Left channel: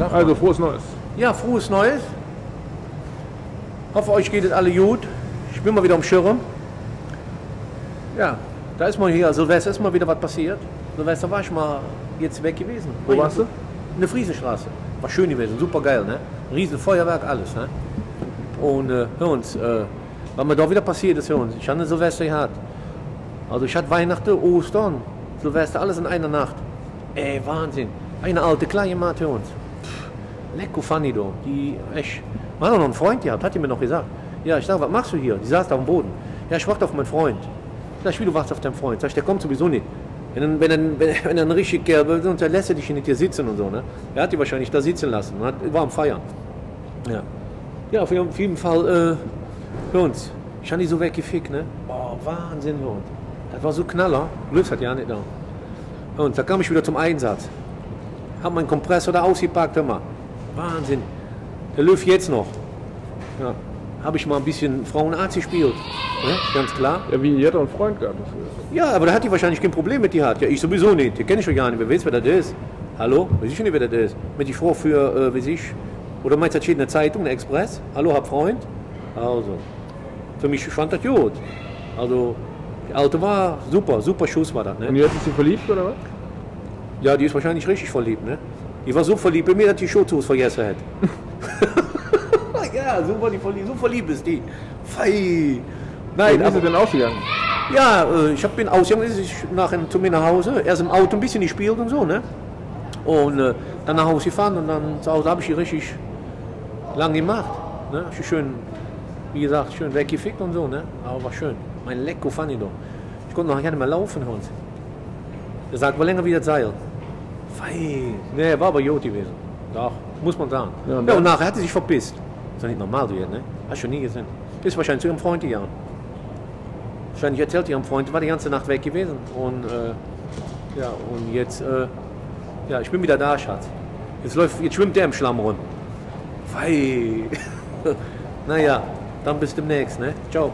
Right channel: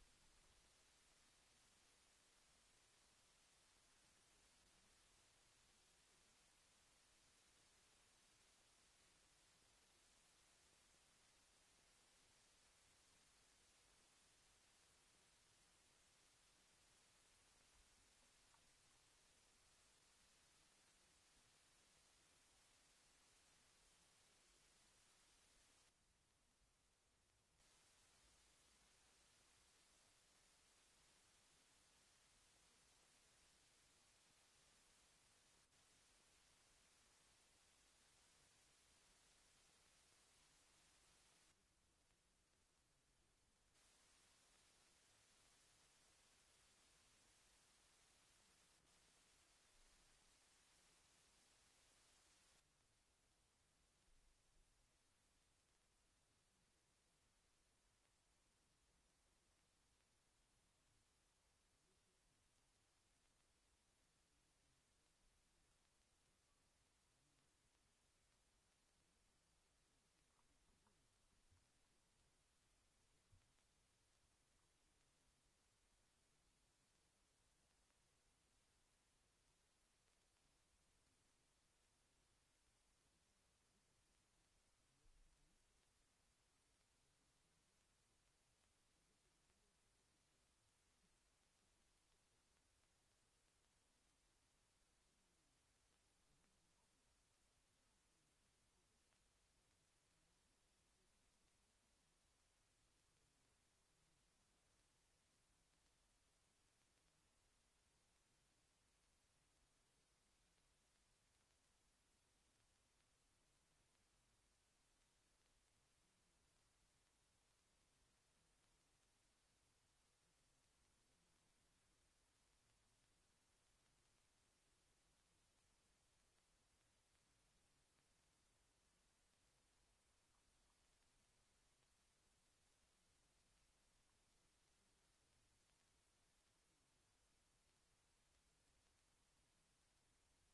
Sag Also mal. frohes Neues. Ja, frohes Neues. Hoffe, euch geht es alle gut. Ich bin mal wieder am Schirm. Ja, da ist mal hier, Silvester ist mal wieder was passiert. Silvester war ich mal jetzt weg gewesen. Wo warst du? In der Friesenstraße. War schön gewesen, super geil, ne? Riesen Feuerwerk, alles, ne? Und hör uns, was mir da wieder passiert ist, hör uns. Ich hatte Silvester gehabt. Also ich hatte Weihnachten, Ostern, Silvester, alles in einer Nacht. Ey, Wahnsinn. Eine alte kleine Mann, hör uns. Lecko funny, do. Die, echt. Man hat noch einen Freund gehabt, hat die mir noch gesagt. Ja, ich sag, was machst du hier? Die saß da am Boden. Ja, ich warte auf meinen Freund. Sag ich, wie du wartest auf deinen Freund? Sag ich, der kommt sowieso nicht. Wenn er ein richtig Kerl will, sonst lässt er dich nicht hier sitzen und so, ne? Er hat die wahrscheinlich da sitzen lassen, war am Feiern. Ja. Ja, auf jeden Fall, für uns. Ich habe die so weggefickt, ne? Boah, Wahnsinn, für uns. Das war so Knaller. Löws hat ja nicht da. Und da kam ich wieder zum Einsatz. Hab meinen Kompressor da ausgepackt, hör mal. Wahnsinn. Der Löw jetzt noch. Ja. Habe ich mal ein bisschen Frauenarzt gespielt. Ne? Ganz klar. Ja, wie, ihr hat doch einen Freund gehabt. Ja, aber da hat die wahrscheinlich kein Problem mit die hat. Ja, ich sowieso nicht. Die kenne ich doch gar nicht. Wer weiß, wer das ist? Hallo? Weiß ich nicht, wer das ist. Mit die Frau für, weiß ich. Oder meinst du, das steht in der Zeitung, eine Express? Hallo, hab Freund? Also. Für mich fand das gut. Also, die Alte war super, super Schuss war das, Und ne? jetzt ist sie verliebt, oder was? Ja, die ist wahrscheinlich richtig verliebt, ne? Die war so verliebt bei mir, dass die Schutzhose vergessen hat. Ja, so verliebt ist die. Fei. Nein, Wie ist sie denn ausgegangen? ja, ich bin ausgegangen, ich nachher zu mir nach Hause, erst im Auto ein bisschen gespielt und so, ne? Und dann nach Hause gefahren und dann zu Hause habe ich die richtig lang gemacht, ne? Hab ich schön, wie gesagt, schön weggefickt und so, ne? Aber war schön. Mein Lecko fand ich doch. Ich konnte noch gar nicht mehr laufen, Hund. Er sagt, war länger wie das Seil. Fei. Ne, war aber gut gewesen. Doch, muss man sagen. Ja, und Ja, dann? und nachher hat sie sich verpisst. Ist doch nicht normal, du jetzt, ne? Hast du schon nie gesehen. Ist wahrscheinlich zu ihrem Freund gegangen. Wahrscheinlich erzählt ihrem Freund, war die ganze Nacht weg gewesen. Und ja, und jetzt, ja, ich bin wieder da, Schatz. Jetzt schwimmt der im Schlamm rum. Fei. Naja, dann bis demnächst, ne? Ciao.